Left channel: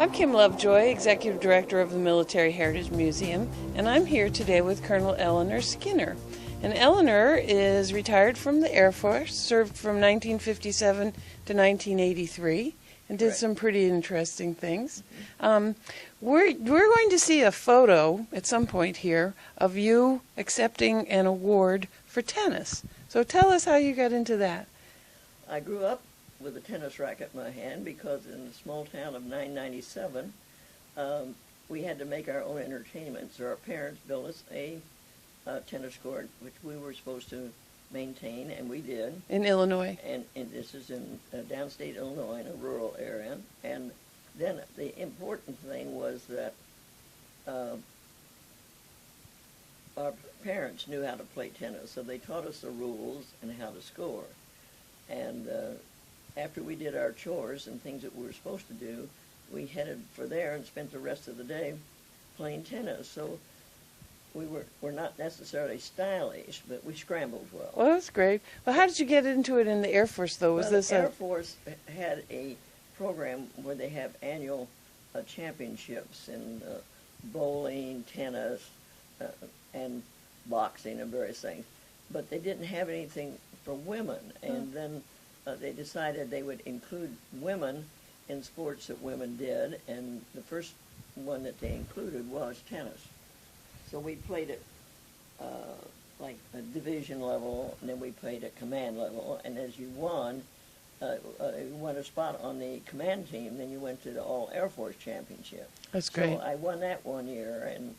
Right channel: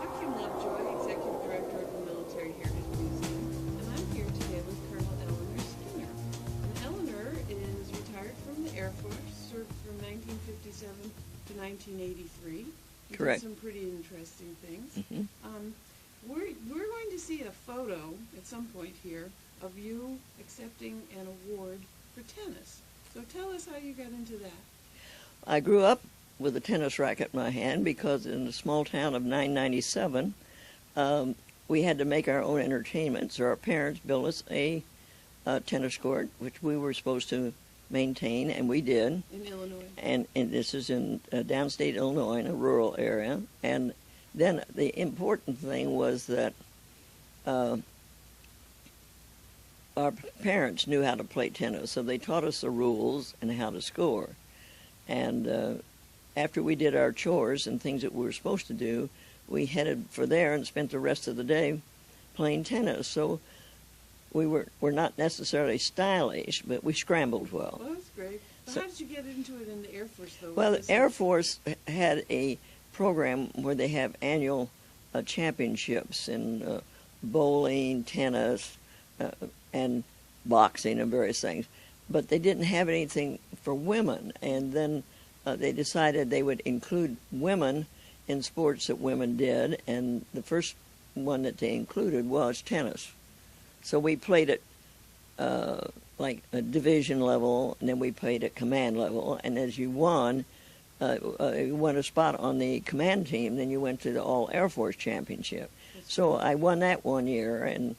I'm Kim Lovejoy, Executive Director of the Military Heritage Museum, and I'm here today with Colonel Eleanor Skinner. And Eleanor is retired from the Air Force, served from 1957 to 1983, and did Correct. some pretty interesting things. Mm-hmm. We're going to see a photo at some point here of you accepting an award for tennis. So tell us how you got into that. I grew up with a tennis racket in my hand because in the small town of 997, we had to make our own entertainment. So our parents built us a tennis court, which we were supposed to maintain, and we did. In Illinois. And this is in downstate Illinois, in a rural area. And then the important thing was that our parents knew how to play tennis, so they taught us the rules and how to score. And after we did our chores and things that we were supposed to do, we headed for there and spent the rest of the day playing tennis. So we were not necessarily stylish, but we scrambled well. Well, that's great. Well, how did you get into it in the Air Force, though? Well, the Air Force had a program where they have annual championships in bowling, tennis, and boxing and various things. But they didn't have anything for women, and then they decided they would include women in sports that women did, and the first one that they included was tennis. So we played at like a division level, and then we played at command level, and as you won a spot on the command team, then you went to the All Air Force Championship. That's great. So I won that one year, and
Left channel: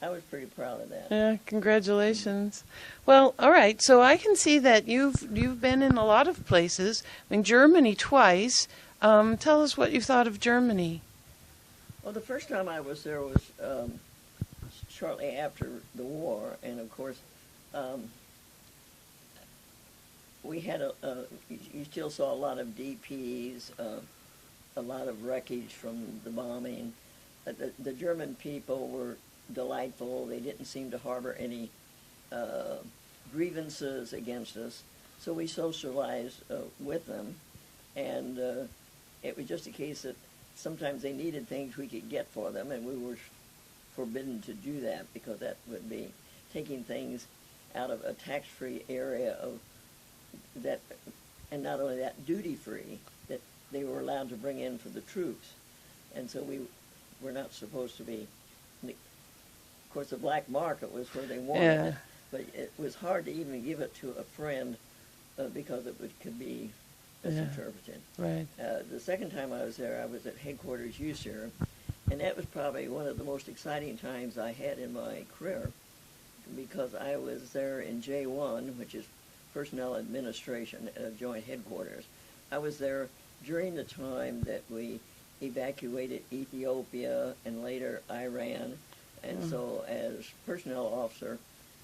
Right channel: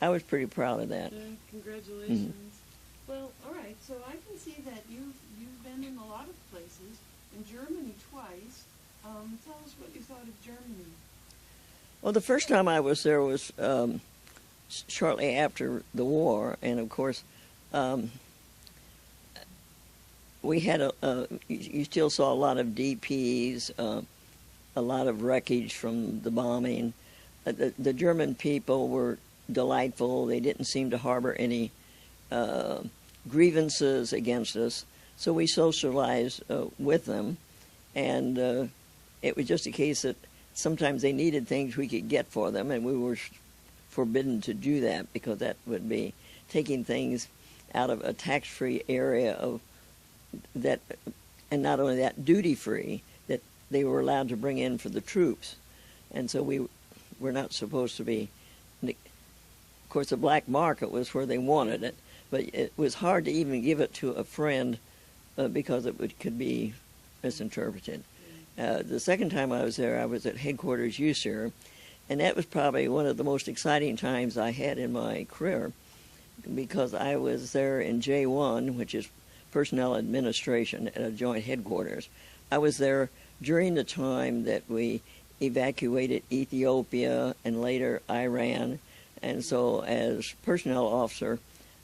I was pretty proud of that. Yeah, congratulations. Well, all right. So I can see that you've been in a lot of places. I mean, Germany twice. Tell us what you thought of Germany. Well, the first time I was there was shortly after the war, and of course, we had you still saw a lot of DPs, a lot of wreckage from the bombing. The German people were delightful. They didn't seem to harbor any grievances against us, so we socialized with them, and it was just a case that sometimes they needed things we could get for them, and we were forbidden to do that because that would be taking things out of a tax-free area of that, and not only that, duty-free, that they were allowed to bring in for the troops, and so we were not supposed to be. Of course, the black market was where they wanted it, but it was hard to even give it to a friend because could be misinterpreted. Right. The second time I was there, I was at headquarters USAF, and that was probably one of the most exciting times I had in my career because I was there in J1, which is Personnel Administration at a joint headquarters. I was there during the time that we evacuated Ethiopia and later Iran, and so as personnel officer,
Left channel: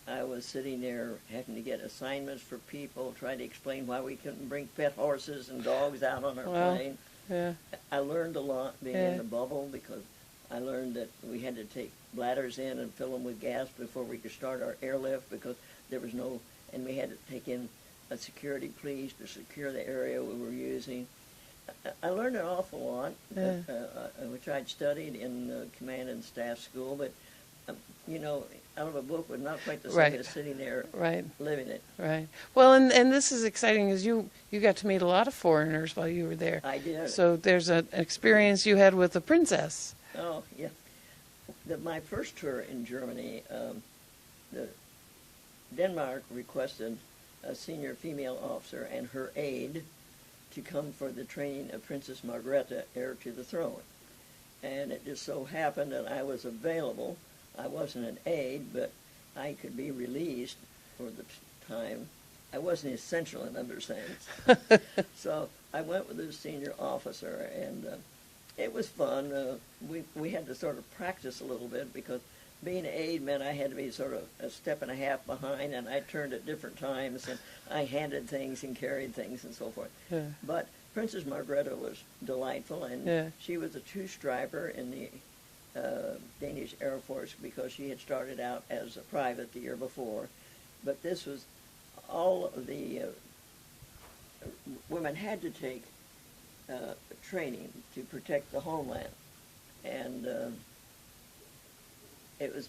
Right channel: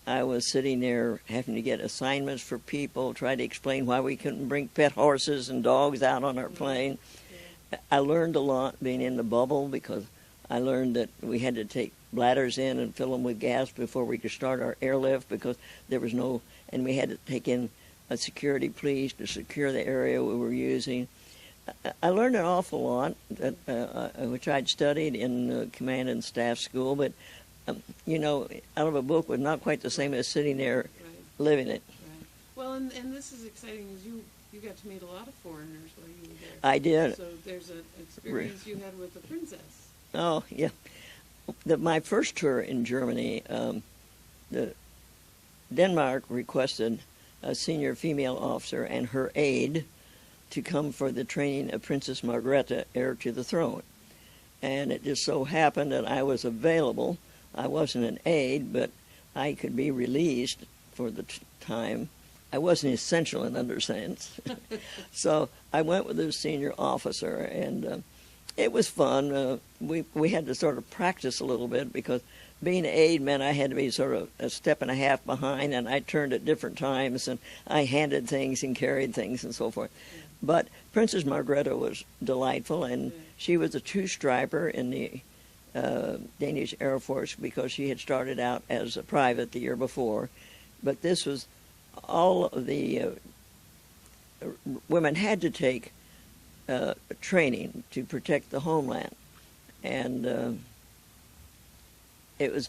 I was sitting there having to get assignments for people, try to explain why we couldn't bring pet horses and dogs out on our plane. Yeah. I learned a lot being in the bubble because I learned that we had to take bladders in and fill them with gas before we could start our airlift because there was no, and we had to take in a security police to secure the area we were using. I learned an awful lot, which I'd studied in command and staff school, but out of a book was not quite the same as sitting there living it. Right. Well, and this is exciting because you got to meet a lot of foreigners while you were there. I did. So there's an experience you had with the princess. Oh, yeah. My first tour in Germany, Denmark requested a senior female officer and her aide to come for the training of Princess Margrethe, heir to the throne. And it just so happened that I was available. I wasn't an aide, but I could be released for the time. I wasn't essential in other sense. So I went with the senior officer, and it was fun. We had to sort of practice a little bit because being an aide meant I had to be sort of a step and a half behind, and I turned at different times, and I handed things and carried things and so forth. Yeah. But Princess Margrethe was delightful, and she was a two-striper in the Danish Air Force because she had started out as a private the year before. But this was all of the women had to take training to protect the homeland. And it was,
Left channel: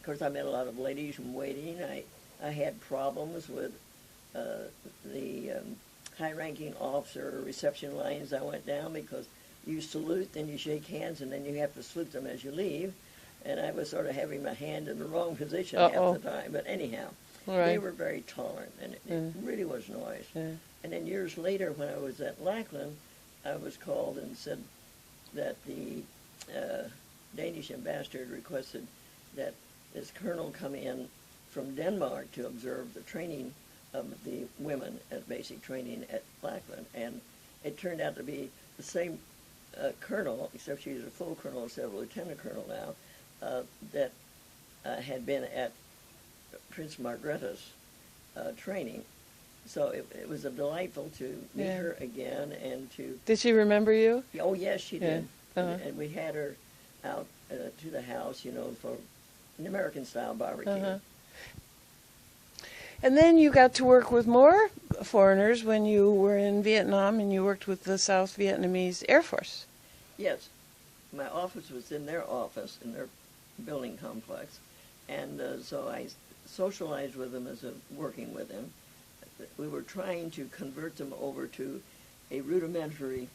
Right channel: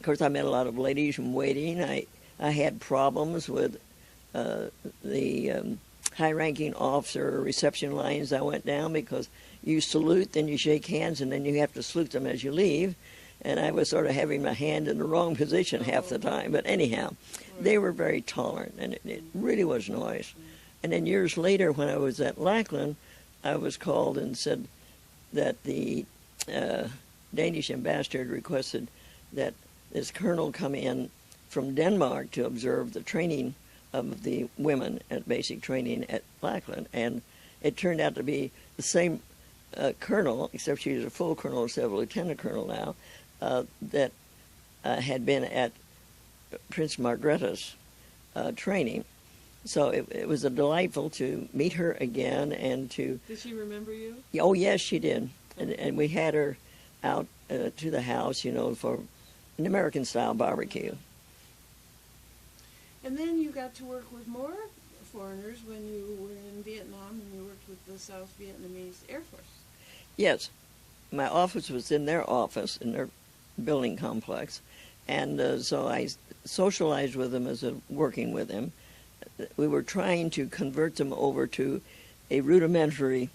of course, I met a lot of ladies in waiting. I had problems with the high-ranking officer reception lines I went down, because you salute, then you shake hands, and then you have to salute them as you leave. And I was sort of having my hand in the wrong position half the time. But anyhow, they were very tolerant, and it really was nice. Yeah. And then years later, when I was at Lackland, I was called and said that the Danish ambassador had requested that this colonel come in from Denmark to observe the training of the women at basic training at Lackland. And it turned out to be the same colonel, except she was a full colonel instead of a lieutenant colonel now, that had been at Prince Margrethe's training. So it was delightful to meet her again and to... Did she remember you? Oh, yes, she did. And we had her out to the house, you know, for an American-style barbecue. And then you got to work with more foreigners when you were in Vietnam, and you worked with the South Vietnamese Air Force. Yes. My office was in their office, in their building complex. And so I socialized with them as working with them. We were trying to convert them over to a rudimentary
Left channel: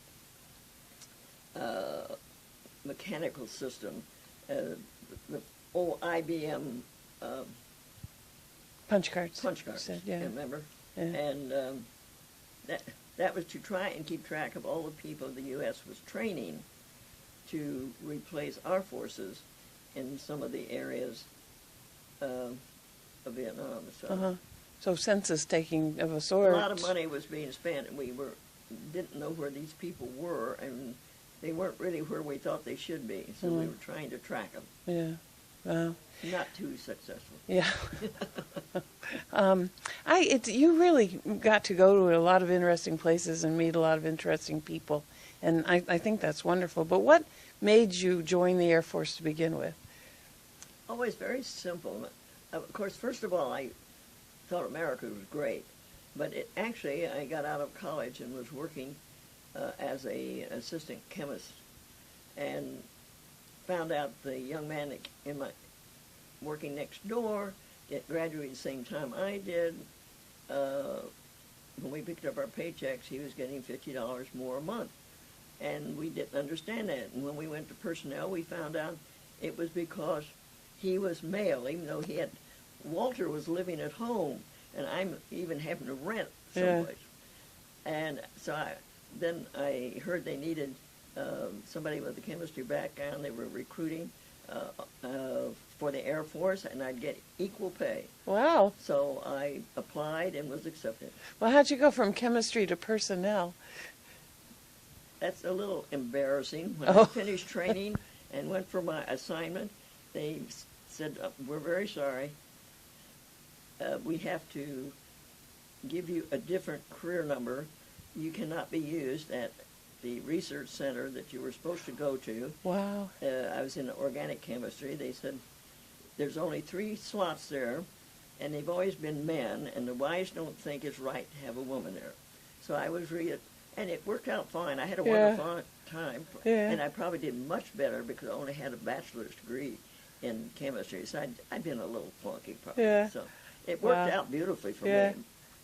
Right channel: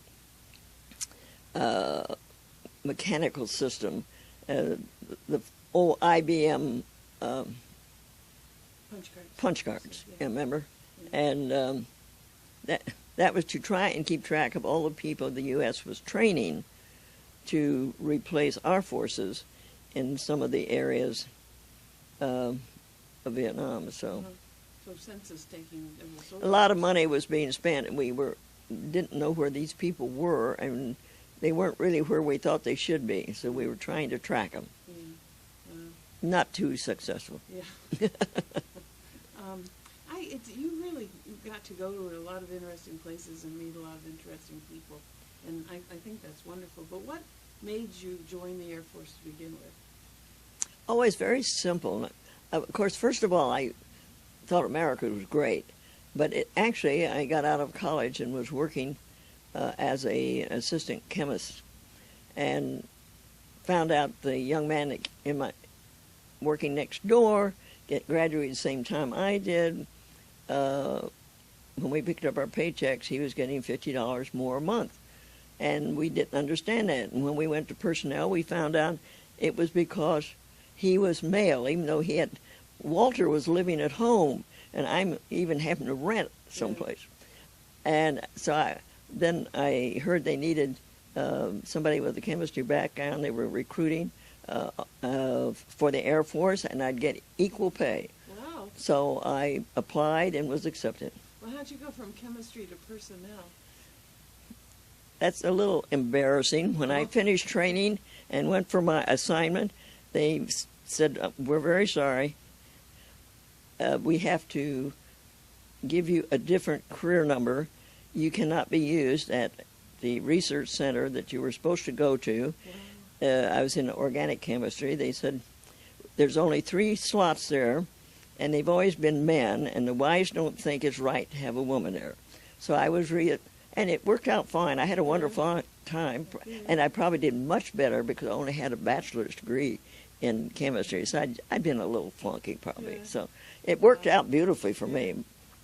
mechanical system, the old IBM punch cards. Punch cards, yeah. Remember? Yeah. And that was to try and keep track of all the people the U.S. was training to replace our forces in some of the areas of Vietnam. So census taking of a sort. A lot of money was being spent, and we didn't know where these people were, and they weren't really where we thought they should be. So we were trying to track them. Yeah. Not too successful. Yeah. You really got to go to a lot of interesting places and meet a lot of interesting people, and I think that's wonderful. But what made you join the Air Force to begin with? Oh, it's very simple. Of course, first of all, I thought America was great, but actually I got out of college and was working as an assistant chemist, and found out the young man in my working next door graduated the same time I did. When we picked up our paychecks, he was getting $50 more a month, and we didn't understand that. And when we went to personnel, we found out it was because he was male, even though Walter was living at home, and I'm even having to rent someplace. Yeah. And so then I heard they needed somebody with a chemistry background. They were recruiting for the Air Force, and I'd get equal pay. Wow. So I applied and was accepted. Well, how'd you go from chemistry to personnel? That's a little embarrassing. When I finished training and went for my assignment, they said, we're very sorry. We have to give you a different career number. You cannot be used at the research center that you were supposed to go to. Wow. I was in organic chemistry. They said, there's only 3 slots there, and they've always been men, and the wives don't think it's right to have a woman there. So I was and it worked out fine. I had a wonderful time, and I probably did much better because I only had a bachelor's degree in chemistry. So I'd been a little flunky probably. Yeah. So it worked out beautifully for me.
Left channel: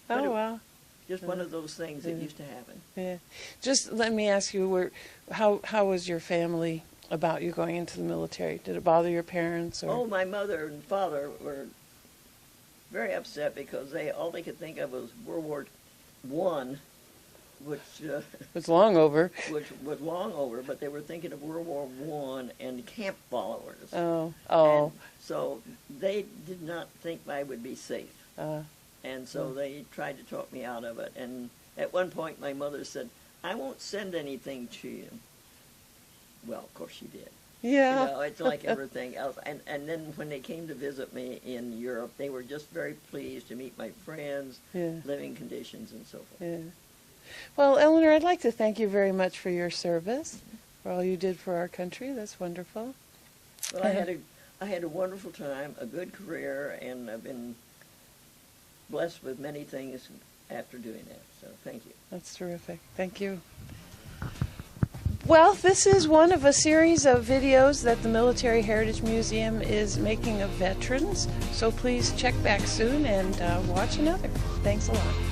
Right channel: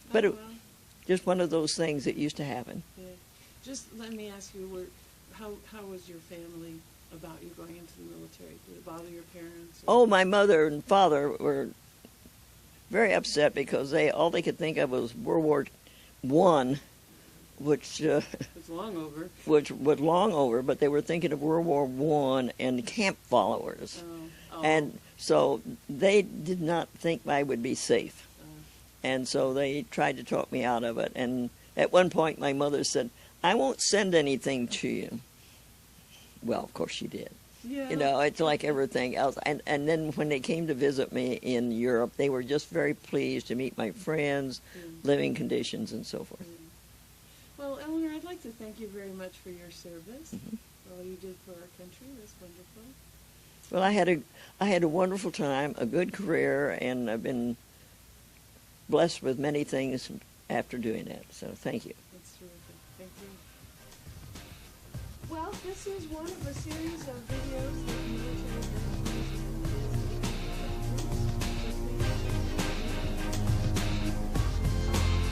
But just one of those things that used to happen. Yeah. Just let me ask you, how was your family about you going into the military? Did it bother your parents? Or? Oh, my mother and father were very upset because all they could think of was World War I, which it's long over. Which was long over, but they were thinking of World War I and camp followers. Oh. And so they did not think I would be safe. And so they tried to talk me out of it. And at one point, my mother said, I won't send anything to you. Well, of course she did. Yeah. You know, it's like everything else. And then when they came to visit me in Europe, they were just very pleased to meet my friends, living conditions, and so forth. Yeah. Well, Eleanor, I'd like to thank you very much for your service, for all you did for our country. That's wonderful. Well, I had a wonderful time, a good career, and I've been blessed with many things after doing that. So thank you. That's terrific. Thank you. Well, this is one of a series of videos that the Military Heritage Museum is making of veterans. So please check back soon and watch another. Thanks a lot.